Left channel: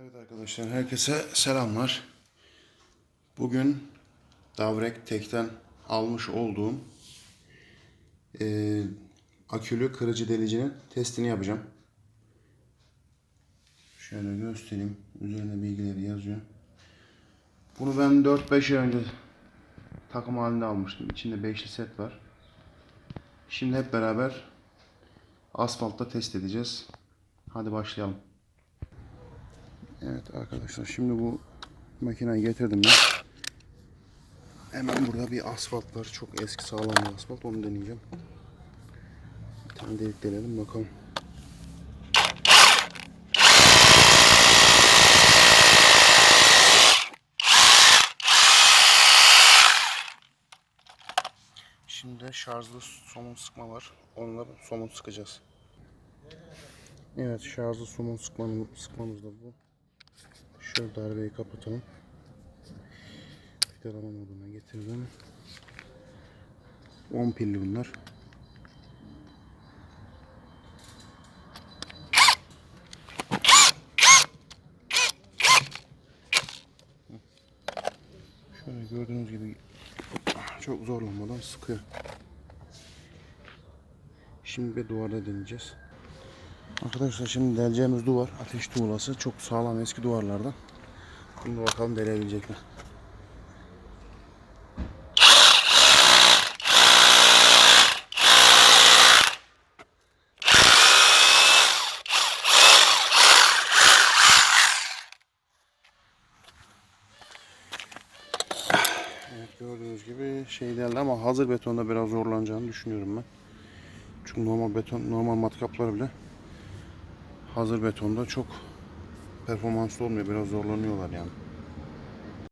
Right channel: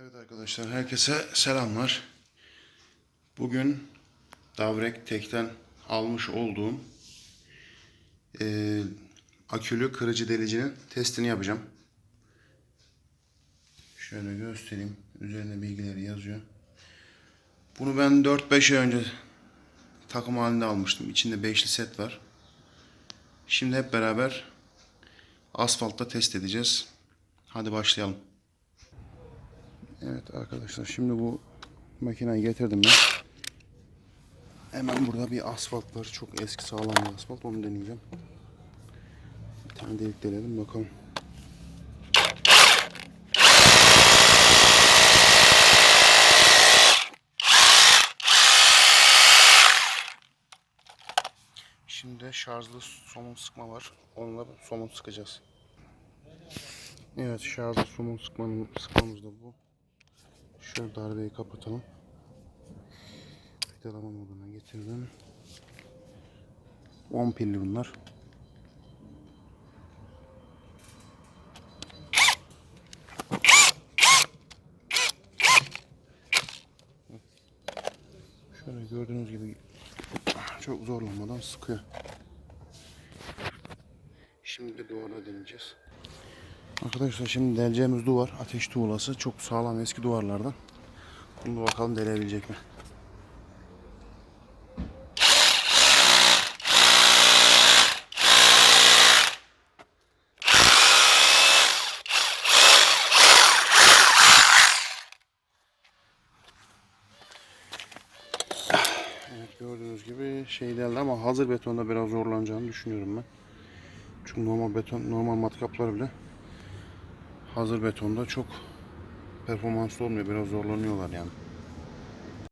Evet arkadaşlar herkese selamlar. Bugün Davrek Tek'ten almış olduğum eee, akülü kırıcı delicinin testini yapacağım. Şöyle göstereyim. Üzerinde bilgileri yazıyor. Bunu ben 4-5 ay önce takım halinde almıştım. İçinde beşli set var. Şimdi hep beraber asfaltta test edeceğiz. Hadi başlayalım. Evet arkadaşlar şimdi bu makineyi getirdim ben. Hemen burada bir asfalt var. Çok eski sağlam bir asfalt. Onu deneyeceğim. Bir tane delik delelim bakalım. Şimdi şarjlı somun sıkma var. Onunla somun sıkacağız. Evet şarjlı somun sıkmanın, sıkmamız da bu. Şöyle darbeyi kapatalım. Vidalama moduna getirdim. 10 pilli bunlar. Şöyle gördüğünüz gibi çok zorlanmadan sıkıyor. Şimdi bir duvarda deneyeceğiz. Arkadaşlar şimdi deleceğimiz duvar ateş tuğlası. Çok sağlam eski duvarlardan. Bunu bakalım delebilecek mi? Evet gördüğünüz gibi şey deldi ama hazır betonda biraz zorlanacağını düşünüyorum ben. Çünkü normal beton, normal matkaplar bile hazır betonda çok performanslı olmuyor. Biraz zorlanıyorlar yani.